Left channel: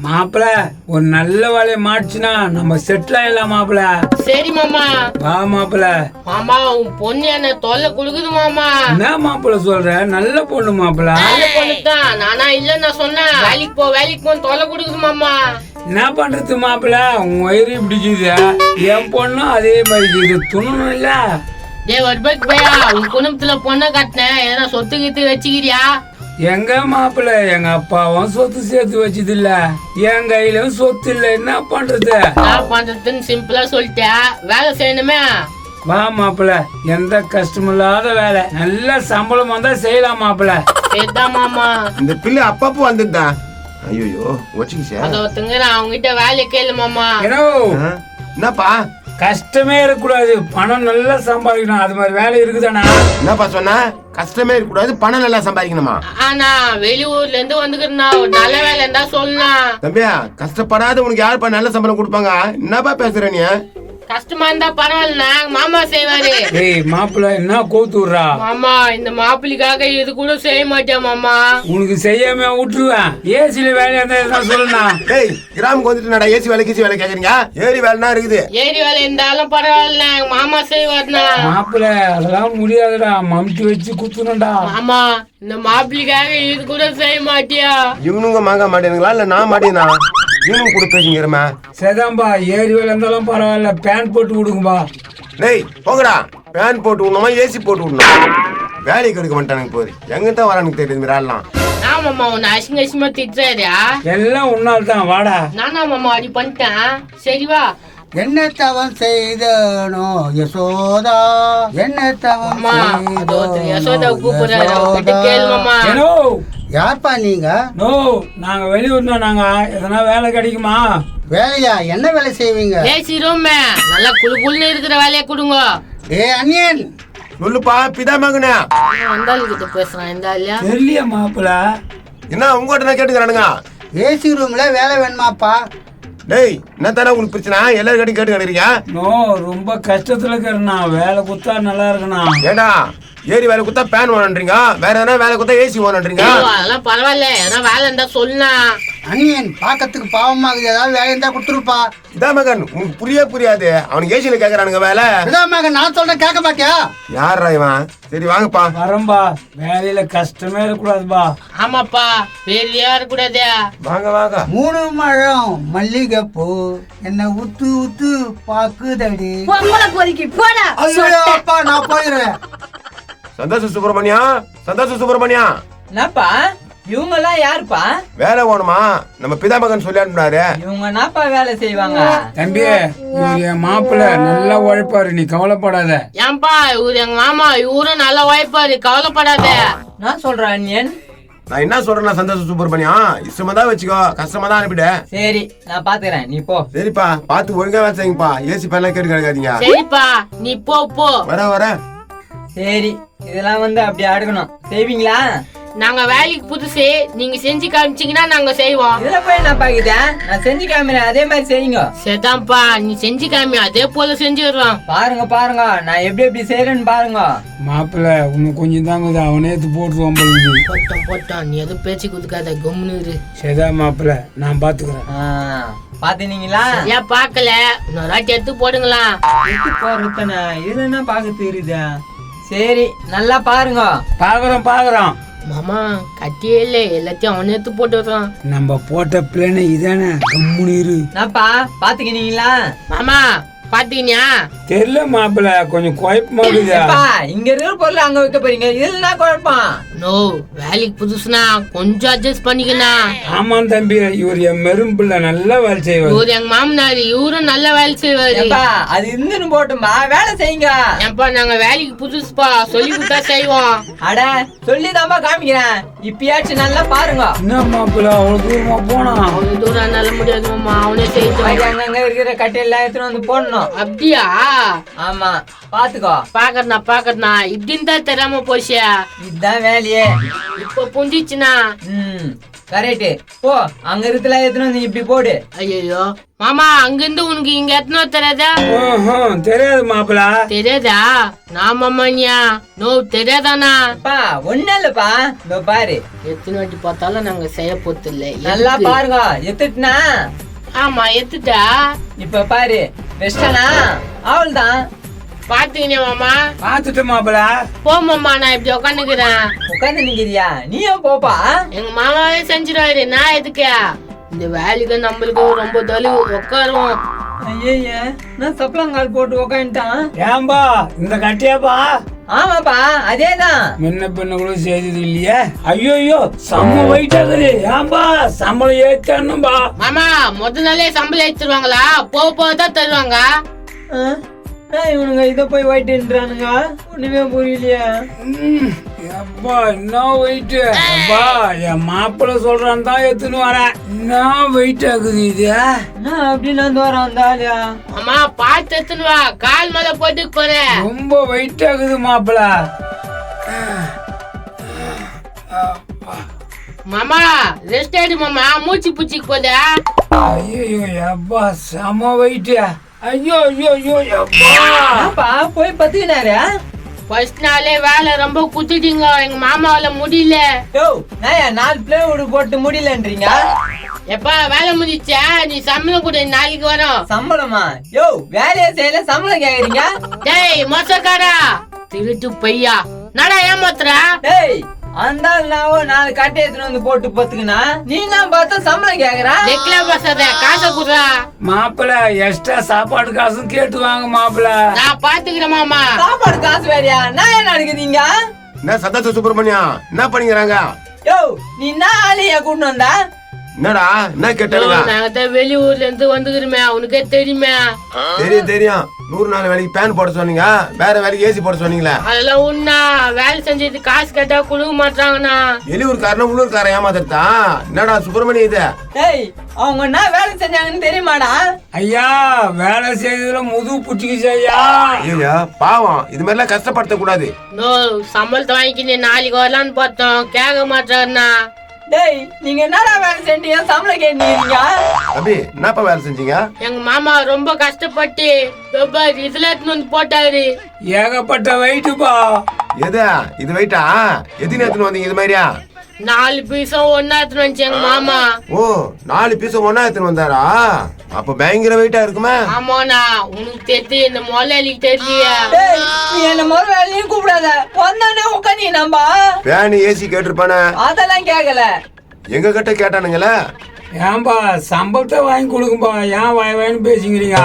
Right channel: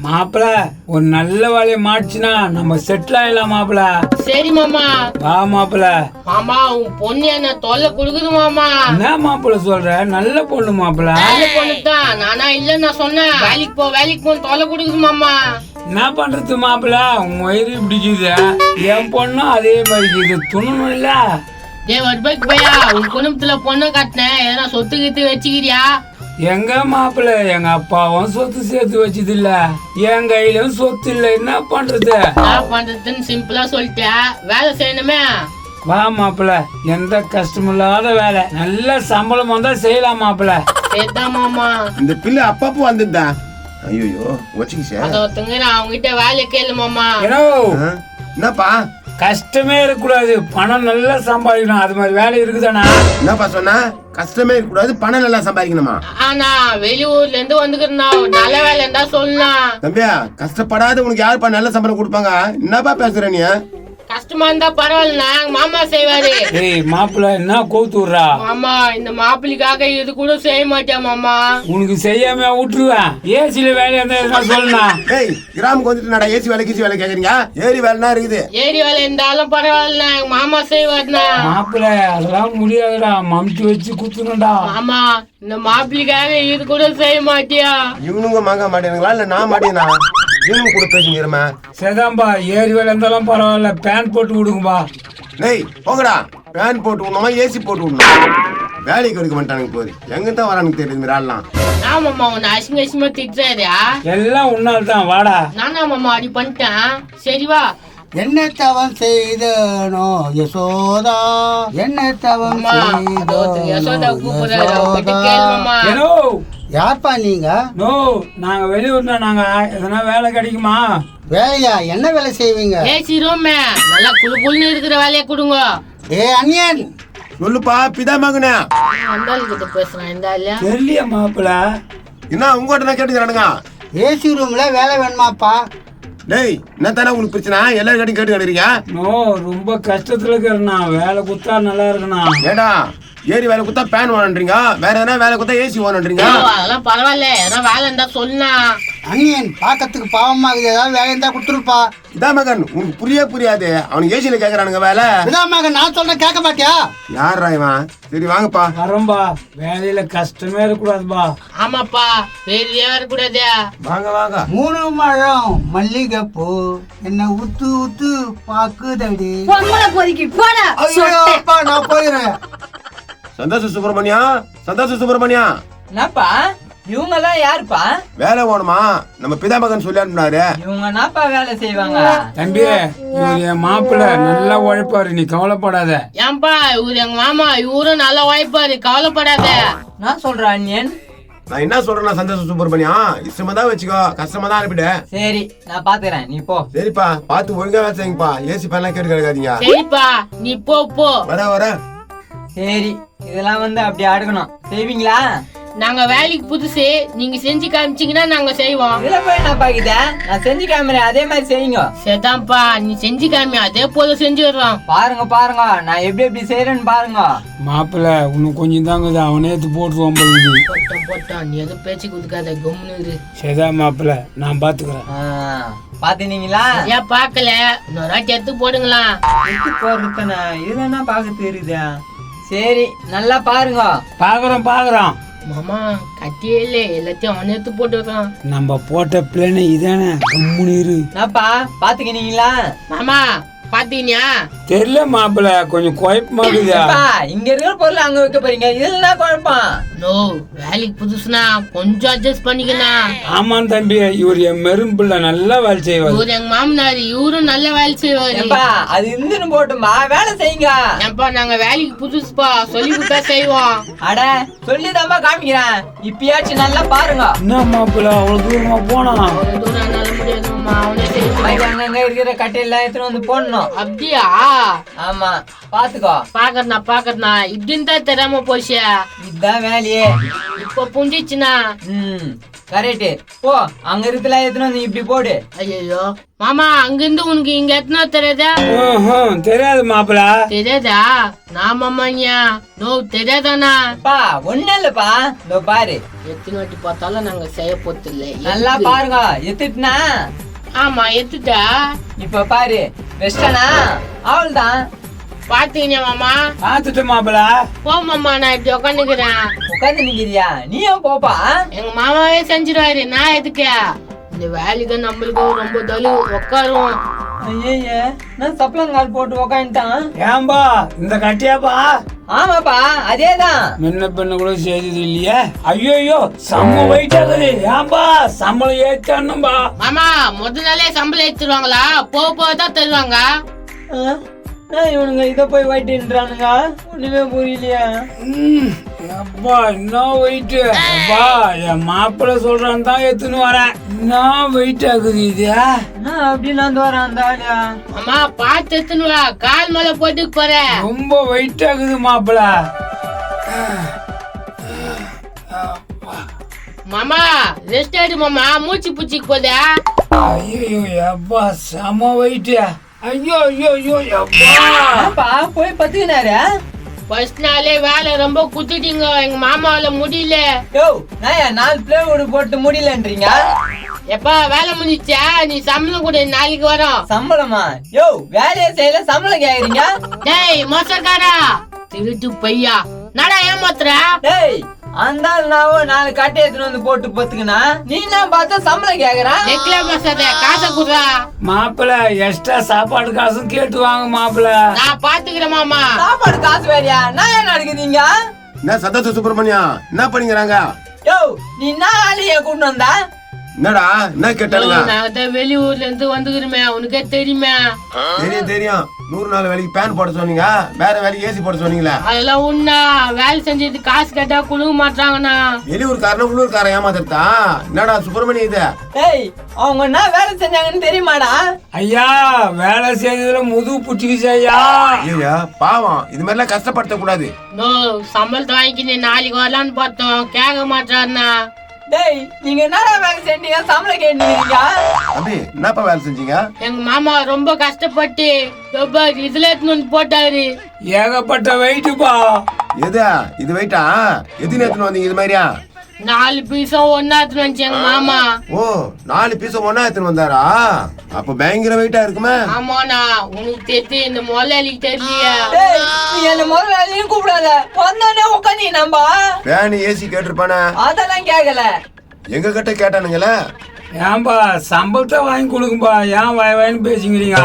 மாப்பிள ஒரு நல்ல வேலையை மாட்டுச்சுன்னா நம்ம செட்டில் ஆயிடலாம் மாப்பிள. சரி மாமா. வா மாப்பிள. மாமா உன் பொண்ணு என்ன தொல்லை கொடுக்குது மாமா. என்ன மாப்பிள சொல்ற? நல்ல பொண்ணு மாப்பிள. நல்ல பொண்ணுதான், நானா இல்லன்னு நான் சொன்னேன். வேலைக்கு போ தொல்லை கொடுக்குது மாமா. என்ன பண்றது மாப்பிள, உன் வயிறு பிடிக்குது, என் பொண்ணும் அதே மாதிரி இது துணணும் இல்ல. வருபாய்க்கு போயா உன் குடும்பத்துல பொண்ணை கட்டினேன், எதனா சொத்து கித்து வச்சுக்கிறியா? எங்க மாப்பிள, எங்க அப்பாவும் சொத்து சேர்த்து வச்சது இல்ல, என் கையிலும் சொத்து இல்ல, என்ன பண்றது? என்ன பண்றதுன்னு சிம்பிளா சொல்லிட்டேன், வேலை செய்யணுமே. வா மாப்பிள, எந்த கஷ்டமும் இல்லாத வேலை, நல்ல சம்பளம் வந்தா செய்யலாம் மாப்பிள. சரிதான் மாமா. இந்த பிள்ளை அப்பப்போ வந்துட்டா. ஐயோ வச்சுக்கிச்சா அத ஒருத்தங்க அவங்க கிட்ட வேலை கேளு மாமா. என்னப்பா? கஷ்டமே இருக்கக்கூடாது, பணம் நல்லா சம்பாதிக்கணும், அது மாதிரி வேலை இருக்குதானா? என்னப்பா சொன்னா? கஷ்டமே இருக்கக்கூடாது, பணம் நல்லா சம்பாதிக்கணுமா? ஆனா வெளியூர்ல இருந்து வந்துக்கிறா, நல்ல வேலை இருந்தா சொல்லலாம். தம்பியா, கஷ்டப்படாத உனக்கு யாருப்பா நல்ல சம்பளம் கொடுப்பாங்க? என்னப்பா பேசுற நீ? கஷ்டமா இருந்தா பரவாயில்ல, மாமா செய்வாரு. ஏய் மாப்பிள, என்ன கோத்து விடுறா? மாமா இந்த மாப்பிள்ளைக்காக இது கூட செய்ய மாட்டேன் மாமா. உனக்கு செய்யாம விட்டுருவேன். ஏசில வேலையா இருந்தா சொல்லுண்ணா. ஏய், கிராமுக்கு வந்துட்டு ஏசி வேலை கீசி வேலை கேக்குறீங்க? ஏரி வேலைனா இருக்குது. ஏரி வேலை இருந்தாலும் பரவாயில்ல, மாமா செய்வாருண்ணா. மாப்பிள அதெல்லாம் முடியாதுடா, மம்டி வச்சு குத்துணும்டா. மாமா இந்த மாப்பிள்ளைக்காக இது கூட செய்ய மாட்டியா? இவனுங்க வாங்க மாட்டேனுங்களா இல்ல நான் மாட்டேனா? இவனுங்க கூட பேசுங்கிறமா? சரிதான்பா, ஏரி வேலை இருந்தாலும் பரவாயில்ல, பேன் போட்டு விடுங்கப்பா. டேய் போங்கடா, பேன் போட்டு விடணுமா ஏசி போட்டு விடணும்? வேலைக்கு கொடுக்க மாட்டானுங்க போது, எங்கிட்ட வரானுக்கு தெரியுது ஆடலாம். மாமா உன்னை அசிங்கமா திட்டுறாரியா? எல்லாம் உன்னால் தான், வாடா. நானா மாமா அப்படி பண்ணிட்டேன். சரி வா. என்ன தவம் செய்தனோ யசோதா, என்ன தவம் யசோதா கூப்பிடுறாரு, கேளு மாமா. ஏனோ யார்ப்பா நீங்க? நோ, நாங்க வெளியூர்னா, நாங்க எதனா வேலை கிடைக்குமா? வேலையா? என்ன வேலை செய்வீங்க? ஏசி ரூம் நல்லா குளு குளுன்னு இருக்கிற வேலையை கொடுங்க. அண்ணியன் சொல்லுப்பா பிதா மகனா. அந்த கிட்ட பேசுறேன், இந்த ஆளு தெரியல மாப்பிள. என்ன உங்ககிட்ட நான் கேட்டுக்கிறானுங்க? ஏசி ரூம்ல வேலை வேணுமாப்பா? டேய் என்ன தானே உங்களுக்கு பிரச்சனை? எல்லாரும் கேட்டு கேட்டுறீங்க. நோ, ரொம்ப கஷ்டத்துல இருக்கிறேண்ணா, வேலை குத்தா நல்லா இருக்குண்ணா. ஏடா ஏரி வேலை குத்தா பேன் வாங்கன்றீங்க, வேற எதனா வேலை குத்தா ஏசி வாங்கன்றீங்க. அதெல்லாம் பரவாயில்ல, ஏன்னா வேலை இருந்தா சொல்லுனா. அண்ணியன் பார்க்கறதுக்கு பாவமாகுது, ஏதாவது வேலை இருந்தா கொடுத்துருப்பா. இதா மகன் உனக்கு புரியாது, அவனுக்கு ஏசியில கேக்குறானுங்க வேலை. இதாமாக நான் சொல்றேன் கேட்க மாட்டியா? யாரா இவன்? சரி வாங்கப்பா. வரம்பா, வேலையில கஷ்டமே இருக்கக்கூடாதுப்பா. ஆமாப்பா, வேலையா இருக்கக்கூடாது. வாங்க வாங்க. 3 முழம் மல்லிகை பூ என்ன உத்து உத்து பாக்குதடி. ஐயோப்பா, நான் போயிடுறேன். சந்தோஷ சுப்பிரமணியா என்னப்பா இவங்க எல்லாம் யாருப்பா? வேலை வேணுமா? நம்ம பிதா மகன் சொல்லி அனுப்பினாரு. இவங்க என்னப்பா வேலை செய்வாங்க? தம்பி, இவர் என் மாப்பிள, நல்லா உழைப்பாரு, நீ கவலைப்படாத. ஏன்பா இவரு எங்க மாமா, இவரும் நல்லா வாய்ப்பாரு, கவலைப்படாத. நான் சொல்றேன் அண்ணியன். நான் என்ன சொல்றேன்னா சந்தோஷ சுப்பிரமணியா, இஷ்டமா தான் வச்சுக்கோ, கஷ்டமா தான் அனுப்பிடு. சரி நான் பாத்துக்கிறேன், நீ போ. சரிப்பா, பார்த்து ஒழுங்கா வேலை செய்யுங்கப்பா, ஏசி பேன்லாம் கேட்டு கிடைக்காதீங்க. சரிப்பா நீ போ. வர சரி இதெல்லாம் வந்து அப்படி அடுக்கணும், செய்வீங்களா? நாங்க வேலைக்கு புதுசு, நீங்க செஞ்சு காமிச்சீங்கன்னா நாங்க செய்வோம். இதுல போய் நான் பாக்கிட்டேன், நான் செஞ்சு காமிக்கிறேன், அதே மாதிரி செய்யுங்க. சரிதான்ப்பா, நீ செஞ்சு காமி, அதே போல செஞ்சுடுறோம். பாருங்க நான் எப்படி எப்படி செய்யறேன்னு பாருங்க. மாப்பிள இன்னும் கொஞ்சம் தாங்குது, அவனே எடுத்து போட்டுருவான் போலுது. போட்டான், நீ எதுவும் பேச்சு கொடுக்காத, கம்முன்னு. சரிதா மாப்பிள, நான் பாத்துக்கிறேன். பாத்தீங்களா? ஏன் பாக்கல, இன்னொரு வாட்டி எடுத்து போடுங்களா. போறதுனா இதுல என்ன பாக்க தெரியுதா? சரி நல்லா பாருங்க. பாக்குறோம். மாமா கட்டியே இல்ல, எல்லாத்தையும் அவனே எடுத்து போட்டுடுறான். நம்ம போட்ட பிளான் இதானே, கம்முனு இரு. என்னப்பா பாத்துக்கினீங்களா? மாமா பாத்தீங்கயா? தெரியல மாப்பிள, கொஞ்சம் குழப்பமா இருக்குதா? இங்க இருக்கிற பொருள் அங்க வைக்க போறீங்க, இதுல என்ன குழப்பம்? நோ, வேலைக்கு புதுசுனா கொஞ்சம் அட்ஜஸ்ட் பண்ணிக்கலாம். ஆமாம் தம்பி, இவர் என் மெரும்பிள்ள நல்லா வேலை செய்வார். இவரு எங்க மாமனாரு, இவரும் நல்ல வேலை செய்வாரு. அது இருந்துன்னு போட்டுமா, வேலை செய்யுங்க. ஏன்பா நாங்க வேலைக்கு புதுசுப்பா, சொல்லி கொடுத்தா செய்வோம். அட சொல்லிதான்பா காமிக்கிறேன், இப்பயாச்சும் நல்லா பாருங்க. என்ன மாப்பிள அவ்வளவு தூரமா போனா? அவ்வளவு தூரம் நல்ல முடியாது மாமா, அவனே செய்வான். அங்கங்க இருக்கிற கட்டையெல்லாம் எடுத்துட்டு வந்து போடணும். அப்படியா? ஆமா பாத்துக்கோ. பாக்கறனா இப்படின்னு தான் தெரியாம போச்சு. இதுதான் வேலையே. இப்ப புரிஞ்சிச்சுனா. கரெக்ட். போ அங்க இருக்குல எத்தனை நீ இப்படி போடு. ஐயோ மாமா அங்கிருந்து உனக்கு இங்க எத்தனை தெரியாதா? தெரியாது மாப்பிள. தெரியாதா? நான் மாமானியா நோ தெரியாதானா? பா ஒண்ணு இல்லப்பா, இதோ பாரு. எத்தனை வாட்டி பார்த்தாலும் நாங்க செய்ய போதில்லை. நல்லா பாருங்க, எத்துட்டுனா. ஆமா எத்துட்டா. இப்ப பாரு வெஸ்டனா அவள்தான். பாத்தீங்க மாமா? பாத்துட்டு மாப்பிள. போ மாமா, நான் இப்படி உட்காந்துக்கிறேன். உட்காந்து நிக்கிறியா? நீயும் போப்பா. எங்க மாமாவே செஞ்சிருவாரு, நான் எதுக்கா? இந்த வேலைக்கு நம்மளுக்கு ரொம்ப தொலை உட்காரும். ஐயே நான் சப்பளங்கால் போட்டு உக்காந்துட்டான். ஏன்பா இந்த கட்டியாப்பா? ஆமாப்பா அதேதான். முன்ன பின்ன கூட செய்தது இல்லையே. ஐயோ செம்ம வெயிட் ஆகுது. ஏன்பா சம்பளம் ஏத்தணும்பா? மாமா முதல் நாளே சம்பளம் எடுத்துருவாங்களா? போக போகதான் தருவாங்க. இவனுங்க இத போய் வெயிட்ன்றானுங்க, ஒண்ணுமே புரியலையா? அப்பா என்ன வெயிட்? அப்பா என் மாப்பிள்ள சொல்றான் தான் எடுத்துன்னு வரேன். என்ன வெயிட் ஆகுது இது? நான் அப்படின்னு வந்து வரேன் அந்த ஆளியா. மாமா பார்த்து எடுத்துன்னு வா, கால் மேல போட்டு போறேன். ரொம்ப வெயிட் ஆகுது மாப்பிள்ள. மாமா ரெஸ்ட் ஆயிடு மாமா, மூச்சு பூச்சிக்கு போதா? ஐயோ அப்பா செம வெயிட். ஐயோ அப்பா போய் பத்துக்கினாரு. ஃபர்ஸ்ட் நாளே வேலை ரொம்ப குத்திட்டீங்க, எங்க மாமாவால முடியல. யோ நான் 4 பிளேவுட் போட்டு முடியலன்றீங்க. எப்பா வேலை முடிச்சா நீ சம்பளம் கூட நாளைக்கு வரும். சம்பளமா? யோ வேலையை செய்யல சம்பளம் கேக்குறீங்க? டேய் மோசக்காரா, திருட்டு பையா, நடா ஏமாத்துறா? டேய் அந்த நாவோ 4 கட்டை எடுத்துட்டு வந்து போட்டு பத்துக்குனா நீ நான் பார்த்தா சம்பளம் கேக்குறா. நெக்ல பசாத, காசை குடுறா. மாப்பிள்ள எக்ஸ்ட்ரா சாப்பாடு காசும் கேட்டு வாங்க மாப்பிள்ள. நான் பாத்துக்கிறேன் மாமா. சாப்பாடு காசு வேறையா? நான் என்ன நடக்குதுங்க? என்ன சத்தத்து சுப்பிரமணியம் என்ன பண்ணிக்கிறாங்க? யோ நீ நான் ஆளைய கூட்டு வந்தா? என்னடா என்ன கேட்டாலுங்க? நாங்க தான் வெளியூர்ல இருந்து வந்துக்கிறோமே, உனக்கே தெரியுமே. தெரியும் 100 நாள் வேலைக்கு பேன் போட சொன்னீங்க, வேற வேலைக்கு ஏசி போட சொன்னீங்களா? அதெல்லாம் உண்ணா வேலை செஞ்சது காசு கேட்டா கொடுக்க மாட்டாங்கண்ணா. வெளியூர்காரன் உள்ளூர்காரன் ஏமாத்திருத்தா? என்னடா சுப்பிரமணியம் இது? டேய் அவங்க என்ன வேலை செஞ்சாங்கன்னு தெரியுமாடா? ஐயா வேலை செய்யறதுல முதுகு புட்டிக்குச்சு ஐயா. ஐயா பாவம், இது மாதிரி எல்லாம் கஷ்டப்படுத்த கூடாது. நோ சம்பளத்தை வாங்கிக்கின்னு நாளைக்கு வரலான்னு பார்த்தோம், கேட்க மாட்டாருண்ணா. டேய் நீங்க என்னடா வேலை செஞ்சீங்க சம்பளம் கேட்டீங்க? அப்படி என்னப்பா வேலை செஞ்சீங்க? எங்க மாமா ரொம்ப கஷ்டப்பட்டு இதுல எடுத்துன்னு வந்து போட்டாரு. ஏகப்பட்ட வெயிட்டுப்பா. எது இது வெயிட்டா? எத்தனை எடுத்துன்னு வந்தீங்க இது மாதிரியா? 4 பீஸும் ஒன்னா எடுத்துன்னு வந்துச்சு எங்க மாமா. ஓ 4 பீஸ் ஒன்னா எடுத்துன்னு வந்தாரா? அப்ப பயங்கர வெயிட்டா இருக்குமே. ஆமாண்ணா, உனக்கு தெரியும், இந்த முதலாளிக்கு தெரியலையா? டேய் நீ என்ன முதலாளியும் கூப்பிடாத, வந்தானே உட்காந்து நம்ப. பேன் ஏசி கேட்டிருப்பானே? அதெல்லாம் கேட்கல. எங்க கிட்ட கேட்டானுங்களே. ஏன்பா சம்பளத்தை வாங்கி கொடுக்கும்பா, ஏன் வாயின்னு பேசிக்கிறீங்க?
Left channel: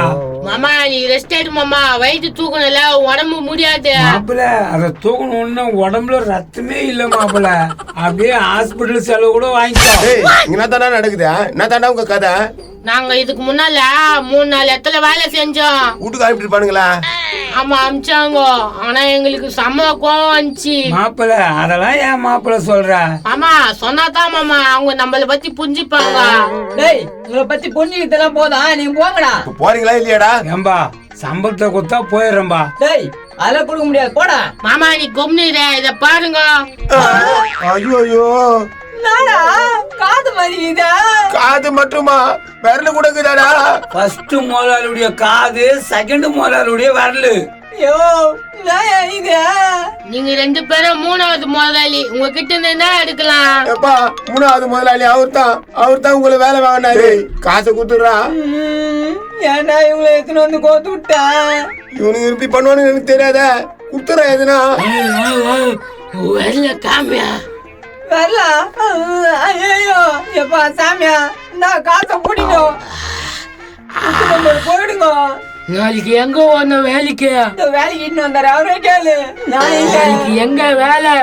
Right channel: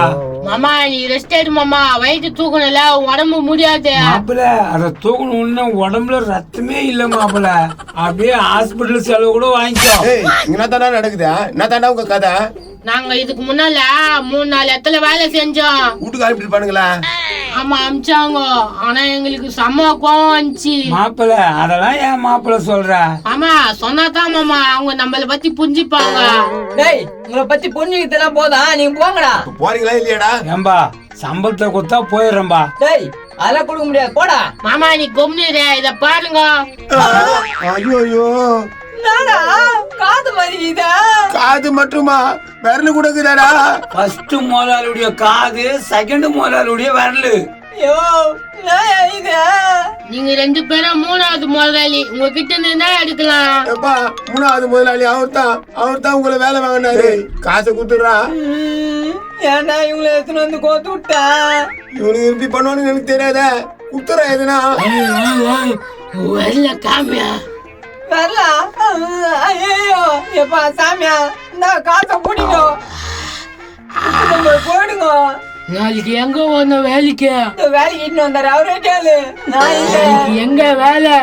மாமா நீ ரெஸ்ட் எடு மாமா, வயிற்று தூக்கணும்ல, உடம்பு முடியாது. மாப்பிள்ள அதை தூக்கணும்னு உடம்புல ரத்தமே இல்ல மாப்பிள்ள. அப்படியே ஹாஸ்பிட்டல் செலவு கூட வாங்கிக்கோ. என்ன தாண்டா நடக்குது? என்ன தாண்டா உங்க கதை? நாங்க இதுக்கு முன்னால 3-4 இடத்துல வேலை செஞ்சோம். வீட்டுக்கு அனுப்பிட்டு இருப்பானுங்களா? ஆமா அமிச்சாங்க, ஆனா எங்களுக்கு செம்ம கோவம் வந்துச்சு. மாப்பிள்ள அதெல்லாம் ஏன் மாப்பிள்ள சொல்ற? ஆமா சொன்னாதான் மாமா அவங்க நம்மள பத்தி புரிஞ்சுப்பாங்க. டேய் உங்களை பத்தி புரிஞ்சுக்கிட்டெல்லாம் போதா, நீங்க போங்கடா. போறீங்களா இல்லையாடா? ஏம்பா சம்பளத்தை கொடுத்தா போயிடுறேன்பா. டேய் அதெல்லாம் கொடுக்க முடியாது, போடா. மாமா நீ கொம்னிற, இத பாருங்க. ஐயோ நாடா காது மறிக்குதா? காது மட்டுமா? விரல கொடுக்குதாடா? ஃபர்ஸ்ட் முதலாளியுடைய காது, செகண்ட் முதலாளியுடைய விரலு. ஐயோ நான் இது நீங்க 2 பேரும் 3வது முதலாளி, உங்ககிட்ட என்ன எடுக்கலாம்? எப்பா 3வது முதலாளி அவர்தான் உங்களை வேலை வாங்கினாரு. காசை குடுத்துடுறா. ஏன்டா இவங்களை எடுத்துன்னு வந்து கோத்து விட்டா? இவனுக்கு இப்படி பண்ணுவானு எனக்கு தெரியாத. குத்துறா எதுனா? வரல காமியா வரலாம். ஐயோ எப்பா சாமியா, இந்த காசை பிடிங்க, போயிடுங்க. நாளைக்கு எங்க வந்த வேலைக்கு? இந்த வேலைக்கு இன்னும் வந்தாரு, அவரே கேளு. நான் இல்ல. எங்க வேலை?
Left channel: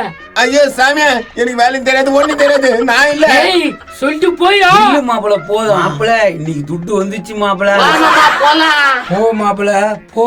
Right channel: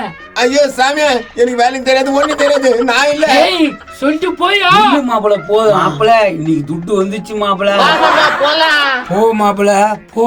ஐயோ சாமியா, எனக்கு வேலை தெரியாது, ஒண்ணு தெரியாது, நான் இல்ல. ஏய் சொல்லிட்டு போயா? இல்ல மாப்பிள்ள போதும். மாப்பிள்ள இன்னைக்கு துட்டு வந்துச்சு மாப்பிள்ள. போலாம். போ மாப்பிள்ள போ.